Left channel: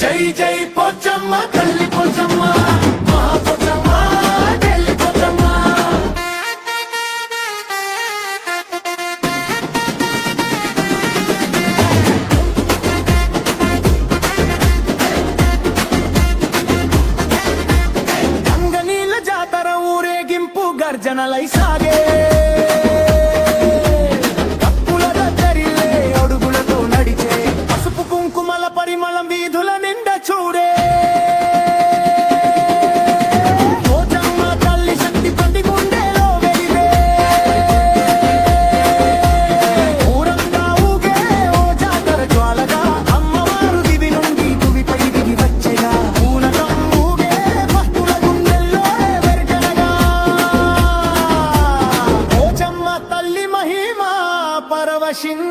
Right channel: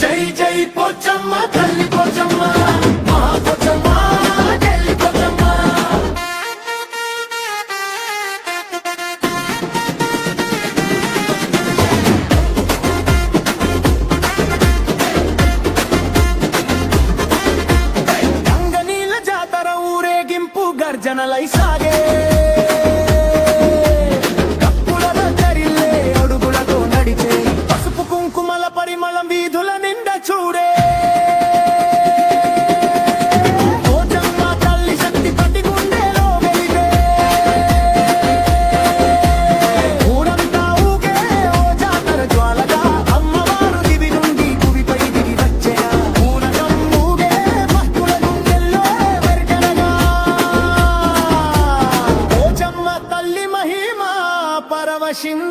జై జై పోచమ్మ తల్లి పోచమ్మ మహా పోచమ్మ ఢిల్లీ పోచమ్మ. గంగనీళ్ళ జాతర ఊరేగింపు గర్జనలై సాగే, పసుపు కుంకుమల పరిమళం వీధుల నిండా చూడే. పోచమ్మ తల్లి శక్తి ప్రతి గుండెలో వెలిదే, ఊరంతా ఊగే ఓ జాతర జ్వాలగా, అమ్మవారు దివి నుండి భువిపై దిగి వచ్చెగా, పూనకం ఊగే భక్తుల గుండెల్లో వెర్గనగా. పోచమ్మ తల్లి మహిమ పరవశిం